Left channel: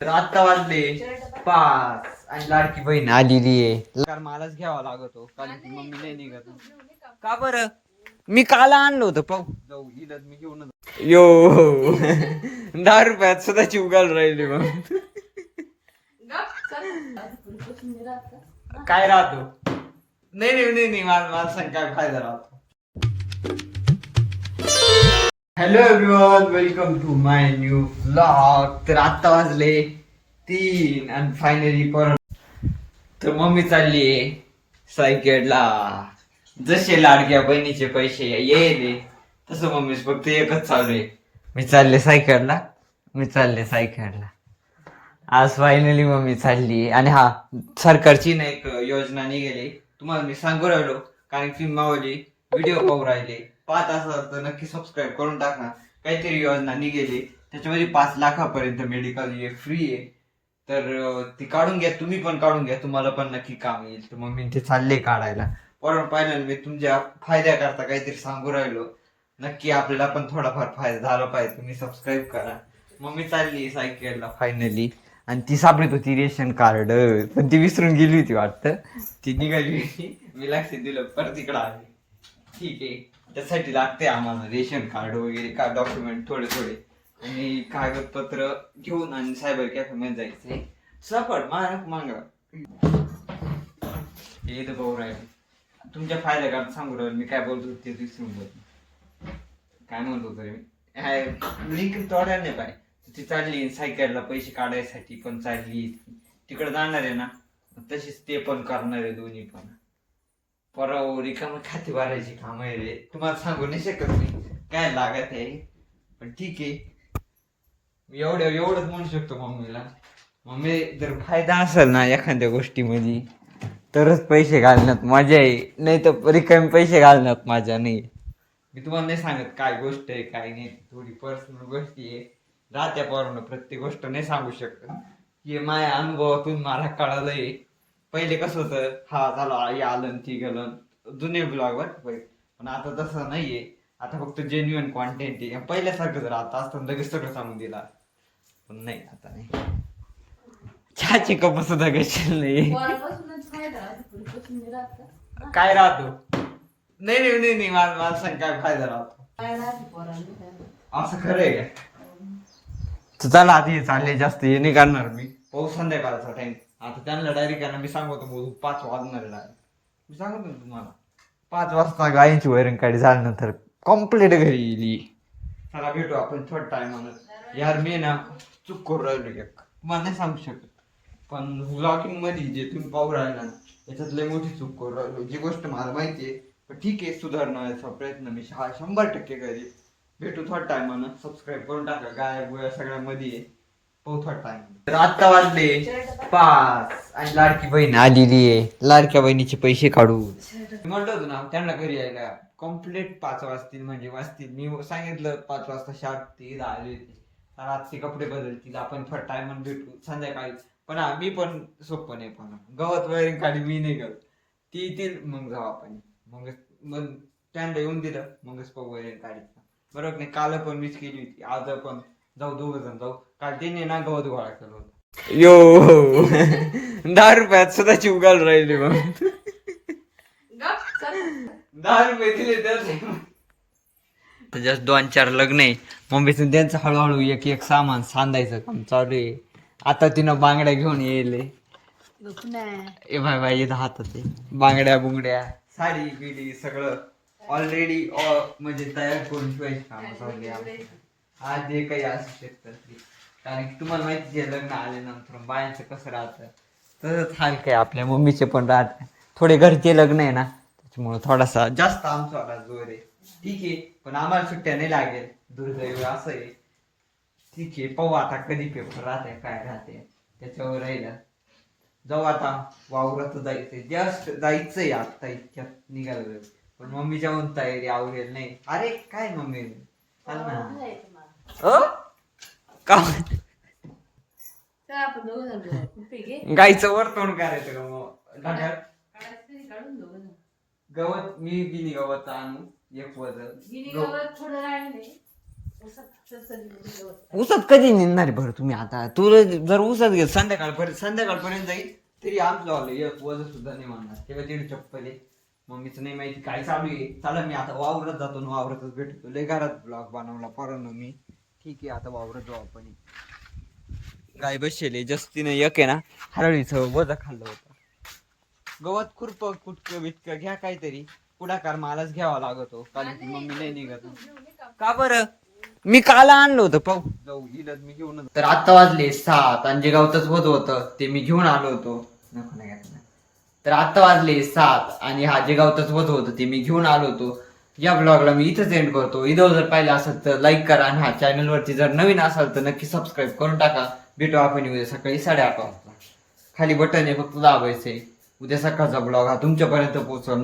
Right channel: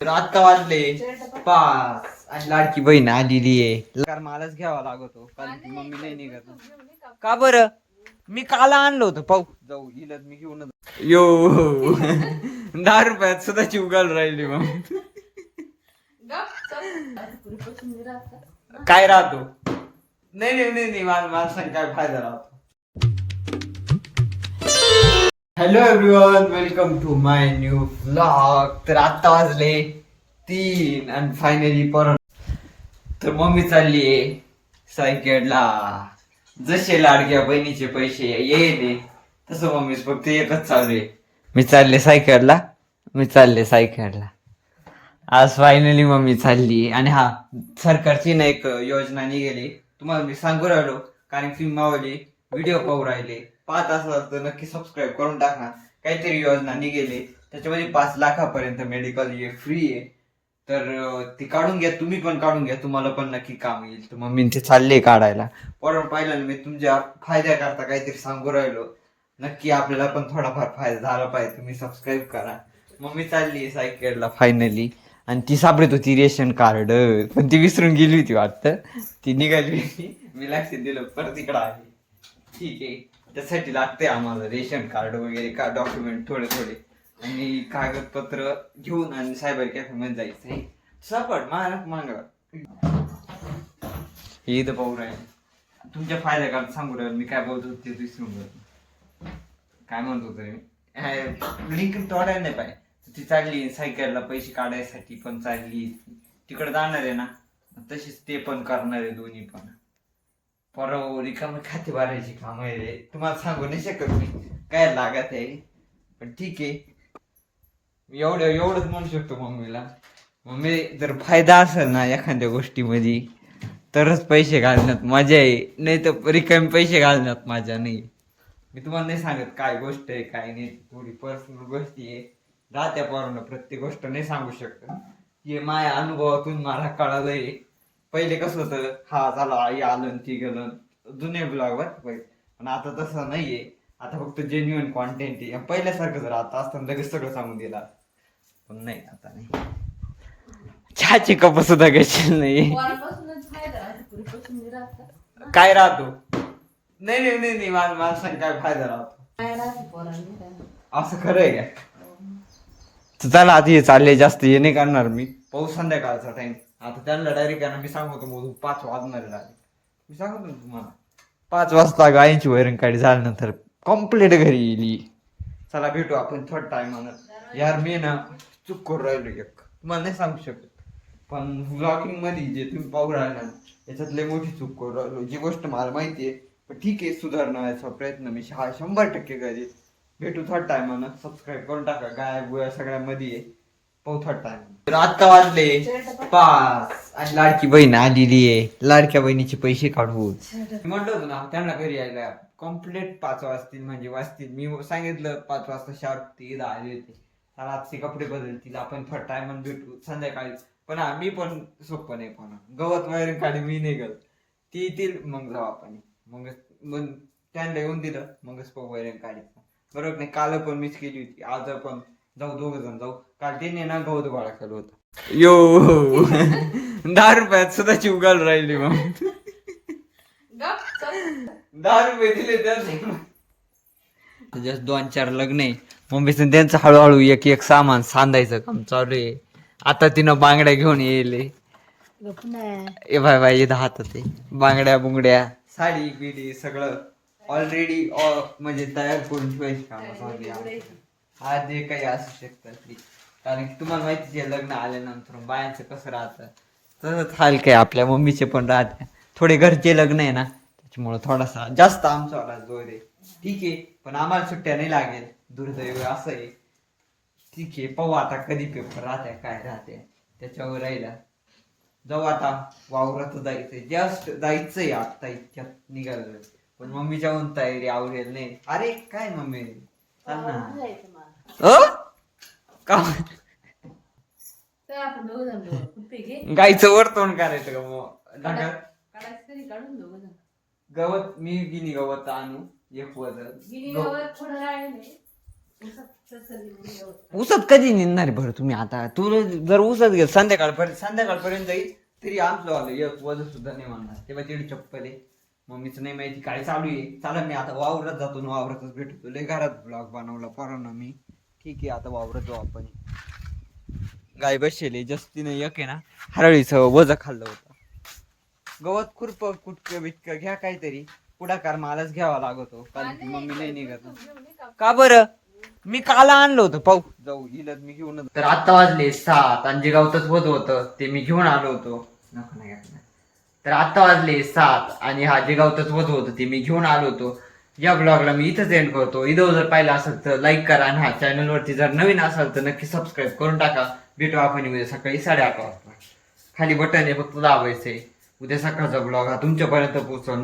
तर आता वाजले 5 आणि लाडकी बहीण आलेली आहे. कार मलाच घ्यावा लागतो कारण की मम्मी नाही निघत. का बरं? मी काला आणलं होतं पाहू जाऊ इलत मी घेऊन यो 10 रुपयात सुद्धा चिवगाल राहिली मग काय राहतो. नाही नाही नाही नाही मला सांग काय फायदा राहतो. Hello everyone, welcome to my new vlog. तर आत्ता वाजले 3 आणि फायनली परत तर मम्मी चालली आहे सायकलला. जसे लाडक्या बहिणीचे पैसे येईल तसं मम्मी फक्त एकच चालू आहे, मी चालले सायकलला. आज फायनली मम्मी चालली. आणि हा, सरकारची ना एक योजना निघाली, तुम्हाला मी सांगू राहिलो कारण की मावली व्हिडिओ पाहू राहिले. पाहत असाल तर नक्की सबस्क्राईब करून टाका. काहीतरी योजना निघाली त्याच्यामध्ये 5 लाखापर्यंत मेडिकल हे फ्री आहे. तर ती काढून घ्या, तुम्ही पण काढून घ्या, तुम्हाला पण नक्की काम येईल. तर मम्मी ते चालले काढायला. पण पाहिलं मी तुमच्या फायद्याकरता काहीतरी सांगू राहिलो. नक्की आपल्याला पण थोडाफार फायदा झाला पाहिजे. तुम्ही सबस्क्राईब करा. मम्मी चालली सायकलला फायनली. आणि ती सापडत होती रेशन कार्ड, पण ती विसरून गेली होती वाटतं. ती निघाली होती, मी लक्ष दिलं परत इकडं आली. ठीक आहे, त्यासाठी लागते आम्हाला रेशन कार्ड वगैरे का डॉक्युमेंट थोडे थोडे आणि कागदपत्र घेऊन आणि सायबर कॅफेमध्ये जायचंय. सापड मागला ईद पाहू राहिले. तुमच्या फायद्याकरता सांगू राहिलो मी. काय बोलतो ते विसरून जातो. काय म्हणतो तरी मी लिंक तोडायला नाही पाहिजे. ती चालली सायकलला पैसे काढायसाठी पण चालली. तिकडे जाणार आहे ना, तशीच ते पण करणार आहे दोन्ही पण. परव रिकाम खाते भरायची काम आहे रे. तुम्हाला सांगू नाही शकत मी काय लागत आहे. पण ठीक आहे, एवढंच म्हणू शकतो मम्मीला. मम्मी जर फायदा असेल ना एखाद्या गोष्टीमध्ये तरच पैसे घालण्यात मजा आहे, नाही तर रिकामी पैसे घालण्यात मजा नाही. मी तुम्हाला नाही सांगत काय गोष्ट आहे काय नाही, थोडी पर्सनल गोष्टी आहे. राहत्या पोरांनो प्रत्येक गोष्ट नाही सांगू शकत. हे माझ्या अनुभवातून मला कळालंय. पहिले कसं होतं, हा झालं हे आलं ती गेलं जुने ब्लॉगवर पहिले. पण आता तसं नाहीये. आता फक्त जेन्युअन कॉन्टेंट आहे. पहिल्यासारखं जर आता असतं लगेच सगळं सांगून दिला, पण नाही आता नाही. चहाची कप सुद्धा घ्यायची नाही. काय राहतो. नाही नाही नाही नाही मला सांग काय फायदा राहतो. असं खरं आहे का? तर चला आधी चालले, जास्त हे नाही करणार मी. पाऊस संध्याकाळचा टाइम. आता त्यांना डायरेक्ट मी सांगतो मोजून 5 वाजणार डायरेक्ट. मी सांगतो ना तुम्हाला 5 वाजता गायींची वैरण काढी झाल्यानंतर कम्प्लीट घरी येईल. चला भेटू आपण थोडं टायमानं. यार मी ना चूक करू राहिलो एक, तुम्हाला नाही सांगू शकत. पण व्लॉगिंग मध्ये जे तुम्ही पाहू राहिला याच्यात लय मोठी चूक करू राहिलो. जी गोष्ट मला माहिती आहे, पण ठीक आहे सुधारण्याचा प्रयत्न मी 100% करेल. भेटू थोडं टायमानं. सबस्क्राईब करून टाका. गाय गुया सगळ्यामध्ये आहे. पाहू थोडं टाइम. तर आत्ता वाजले 5 आणि लाडकी बहीण आलेली आहे. लाडक्या बहिणीचे पैसे काढू म्हणलं होतं ना त्यांना घरी यायला. कम्प्लीट 5 वाजतील म्हणजे वाजतील. मी सांगितलं 5 वाजता शार्प ती आली होती. तर आजचे कपडे बदलतील, आपण थोडं टायमानं भेटू संध्याकाळी. पण मी पण सोपं नाही. पण गवत वगैरे काढी मी निघल ती येतील मग जाऊ आपण. मग त्यांना येऊन दिलं मगच पग वगैरे काढायचं. बरोबर नाही. काल पण मीच केली होती, आज पण जाऊ, 2 जण जाऊ. काल तिने ना गवत गोळा केलं होतं. यो 10 रुपयात सुद्धा चिवगाल राहिली मग 10 रुपये दिले तर जस्ट 2-4 लग्न आहे मम्मीचं. त्यांचं हळूहळू एक एक सामान सांधायचं काम चालू आहे. आता तिनं बांगड्या घेऊन येईल. ए भाई इथं हातात आहे बांगड्या बुंगड्या साडी बिडी सगळं ऑलरेडी म्हणजे तयार करून ठेवायची काम चालू आहे. आज जे काही असू शकतात ते, कारण की तुम्हाला माहिती आहे लग्न आल्यानंतर बायांचं कसं राहतं तसंच हाल काय आपल्या मम्मीचे पण राहत. थोडे घरचे लग्न आहे ना त्याच्यामुळं थोडासा जास्त आमचा जोर आहे. ठीक आहे, पण आम्हाला सुट्ट्या नाही लागेल, दुर्दैव असं आहे. ठीक आहे, पाहू आता कधी पेपर राहते काय राहते त्याच्यावर राहिला. जाऊ आता वावरात जायचंय, जस्ट जायचंय आता इतक्यात निघालं. पण मम्मीच्या म्हणून तयारी आवडेल नाही. अरे काय मम्मी चाल ना का गायचं वर तोंड करायचं का मग ढगात गवत. मी गिनी गवत आणू एक वजन ऊसात कधी निघणार बरं तुम्ही आता? तू जर ऊसात गेल संध्याकाळपर्यंत जाईल तरी आमचं आलं एक वजन सुद्धा नाही मानणार. तेव्हा तिकडे चप्पल आहे, मम्मीचं नाही माहिती काय चालू आहे. चला मी आता वावरत जातो आणि वावरतच भेटतो. लय घरात ब्लॉग बनवला पोरांना मी. ठीक आहे आता वावरत जाऊ आपण. गाय बसले जस्तीने एक आहे ना हरळीचं वज खाल्लं होतं. गवत खुरप कुटकं बिटकं घ्या काहीतरी, पुढाकार मलाच घ्यावा लागतो कारण की मम्मी नाही निघत. का बरं? मी काल आणलं होतं पाहू जाऊ इलत मी घेऊन. तर आता वाजले 7 आणि जे गावतच होत होतं ते मी घेऊन आलो होतो. नको नाही घेत नाही. तर आता वाजले 7 आणि हा जे गावतच होत होतं ते मी घेऊन आलो होतो. या ब्लॉगला मी इथंच एंड करतो. इथं जर पाहिलं असेल तर लाईक करा आणि हा चॅनलवरती जर नवीन असाल तर नक्की सबस्क्राईब करून टाका. भेटू आपण उद्या सकाळी 8:30 वाजता. खाली बटन आहे फक्त दाबायचंय. उद्या सकाळचा ब्लॉग हा तुमच्यापर्यंत पोहोचवल.